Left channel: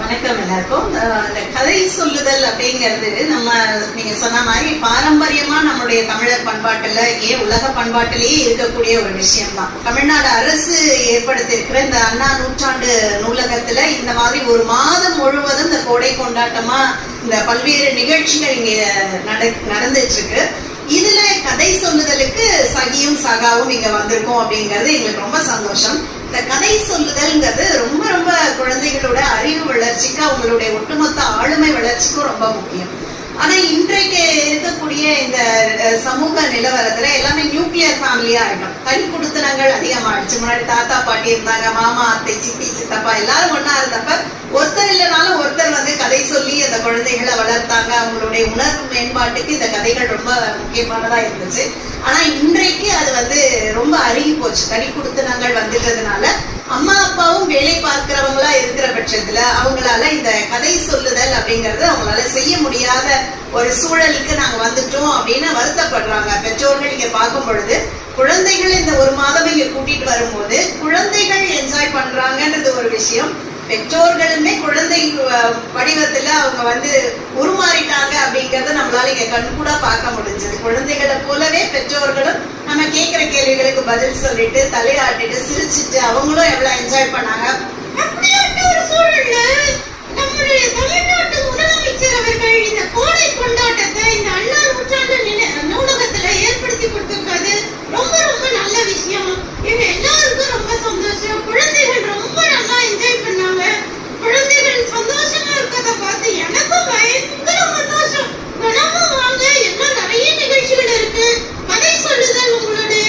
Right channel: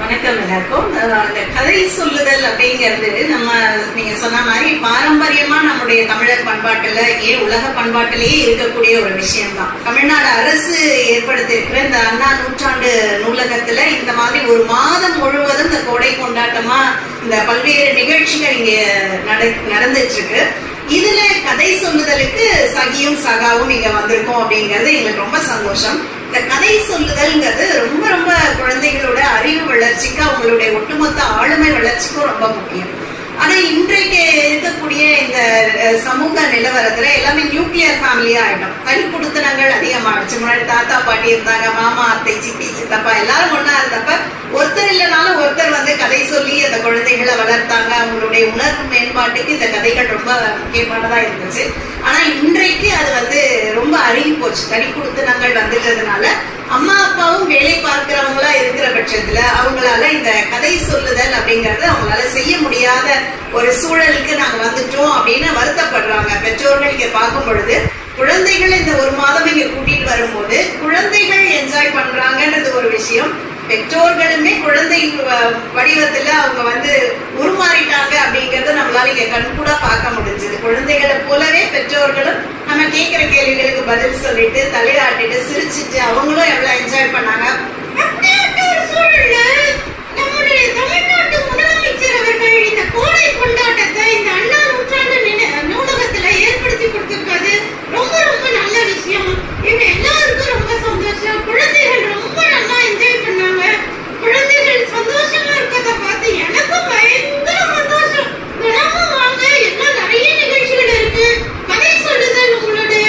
வணக்கம் எல்லாருக்கும். இந்த கதை சொல்லுதல் அப்படிங்கிறது நீங்க சொன்ன மாதிரி பாரம்பரியமா நம்முடைய தமிழர் பண்பாட்டுல உலக பண்பாட்டிலேயே இருக்கக்கூடிய ஒரு விஷயம் தான். தமிழ்நாடு அரசு ஏற்படுத்தியிருக்கிற இந்த அண்ணா நூற்றாண்டு நூலகத்துல இந்த மாதிரி ஒரு மாதம் முழுவதும் இந்த கோடை கொண்டாட்டமா இந்த பல்வேறு நிகழ்ச்சிகள் இங்க நடந்துட்டு இருக்கு. இதுல கதை சொல்லுதலுக்கு சகியும் சகாவும் இங்க வந்திருக்கோம் அப்படிங்கிறது எங்களுக்கு ரொம்ப சந்தோஷம். இந்த கதை சொல்லுதல்ங்கிறது ரொம்ப ரொம்ப குழந்தைகளோட அறிவு வளர்ச்சிக்கு, அவங்களுடைய ஒட்டுமொத்த ஆளுமை வளர்ச்சிக்கும் ரொம்ப முக்கியம். அதை இன்றைக்கு இருக்கக்கூடிய இந்த சமூக நிலவரத்துல எல்லாமே நியூக்ளியர் ஃபேமிலியா ஆயிடும். தனி குடுத்தனங்கள் அதிகமாகிடுச்சு. முன்னாடி தாத்தா பாட்டி இருந்தாங்க, மாமா அத்தை சித்தி சித்தப்பா எல்லாரும் ஒன்னா இருந்தப்ப ஒருத்தர் இல்லைனாலும் ஒருத்தர் கதை சொல்லி அந்த குழந்தைகளை வளர்த்தாங்க. அவங்களுடைய உணர்வு மேம்பாட்டுக்கு இந்த கதைகள் ரொம்ப முக்கியமானதா இருந்துச்சு. ஆனா இன்றைக்கு அது ரொம்ப அருகி போச்சு. தனி குடுத்தனங்கள் வந்துட்டதுனால அம்மா அப்பாவும் வேலை பார்க்கிறவங்களா இருக்கிற பட்சத்துல அவங்களால இந்த கதை சொல்லுதல் அப்படிங்கறது அவங்களால செய்ய முடியாத ஒரு சூழலுக்கு நாங்க வந்துட்டோம் அப்படின்னு வருத்தப்படுறாங்க பெற்றோர்கள். இங்க பார்க்கும் பொழுது குழந்தைகள் இந்த ஒரு மாதம் இங்க கூட்டிட்டு வரும்போது குழந்தைகள் என்ஜாய் பண்றாங்கன்றது ஒரு விஷயம். பெற்றோர்களுமே குழந்தை வடிவத்துல அவங்க உருமாறிட்டாங்க அப்படிங்கறத நம்மளால இங்க கண்கூட பார்க்க முடிஞ்சது. குழந்தைகளை போலவே பெற்றோர்களும் நம்ம கேட்கிற கேள்விகளுக்கு பதில் சொல்லிட்டு தலையாட்டிட்டு சிரிச்சுட்டு அவங்களும் எவ்வளவு என்ஜாய் பண்ணாங்க. நம்முடைய தமிழ்நாட்டு முதலமைச்சர் அவர்கள் இந்த கோடை கொண்டாட்டத்தை இந்த அண்ணா நூற்றாண்டு நூலகத்துல ஏற்படுத்தி கொடுத்திருக்கிறது ரொம்ப ரொம்ப நல்ல விஷயம். இவங்க எல்லாருக்கும் ரொம்ப சந்தோஷம். குழந்தைகள் ரொம்ப நல்லா என்ஜாய் பண்ணாங்க. குழந்தைகள் சந்தோஷமா இருக்கிறத பார்த்து எனக்கும் பயங்கர சந்தோஷம். தினமும் வாங்க, எல்லாம் நிறைய நிகழ்ச்சிகள் இருக்கு. கதை சொல்லுதல் உங்களுடைய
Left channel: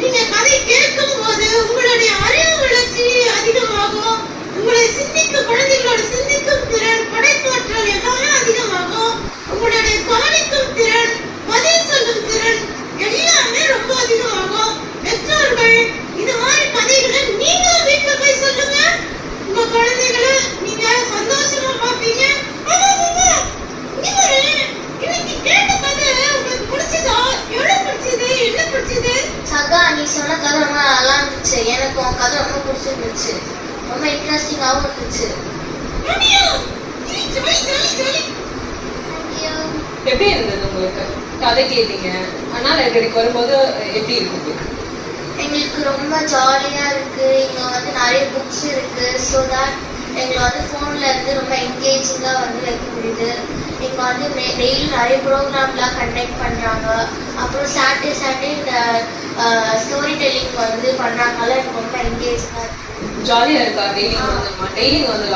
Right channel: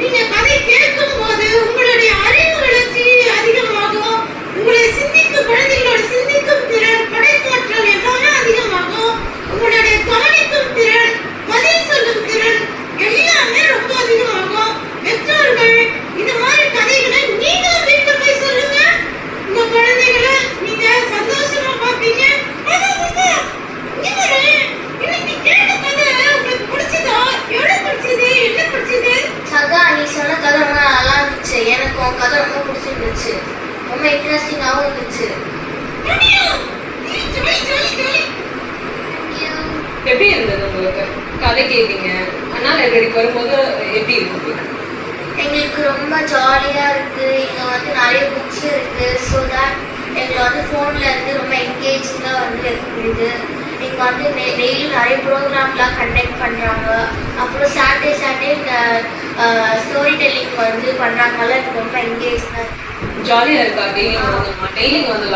நீங்க கதை கேட்கும் போது உங்களுடைய அறிவு வளர்ச்சி அதிகமாகும். உங்களை சிந்திக்கும் குழந்தைகளோட சிந்திக்கும் திறன், படைப்பாற்றல் எல்லாமே அதிகமாகும். உங்களுடைய கவனிக்கும் திறன், பதில் சொல்லும் திறன் எல்லாமே ரொம்ப அதிகமாகும். பெற்றோர்கள் இந்த மாதிரி கதைகளை நீங்க வீட்டுல போய் சொல்லுங்க. உங்க குழந்தைகளை நீங்க சந்தோஷமா பார்ப்பீங்க. இன்னைக்கு கேட்ட கதை உங்களுக்கு பிடிச்சதா? எவ்வளவு பிடிச்சது? என்ன பிடிச்சது? சகா, நீ சொன்ன கதை ரொம்ப நல்லா இருந்துச்சு. எனக்கு உன் கதை ரொம்ப பிடிச்சிருந்துச்சு. ரொம்ப இன்ட்ரெஸ்டிங்காகவும் இருந்துச்சு. எப்படி இருந்தது உங்களுக்கு? கதை கேட்டீங்க, அண்ணா லைப்ரரிக்கு வரும்போது எப்படி இருக்கு? எங்களுக்கு ரொம்ப ஜாலியா இருக்கு. இங்க நிறைய புக்ஸ் இருக்கு. ஸோ தட் எங்களை ஃபோன்ல இருந்து ரொம்ப என்கேஜிங்கா வைக்க முடியுது. இங்க டெய்லி நிறைய ப்ரோக்ராம்லாம் கண்டக்ட் பண்றாங்க. அப்புறம் சாட்டர்டே இந்த ஸ்டோரி டெல்லிங் பண்றாங்கல்ல, ரொம்ப என்கேஜிங்கா இருக்கு. ஜாலியா இருக்கா? டெய்லிங் வந்து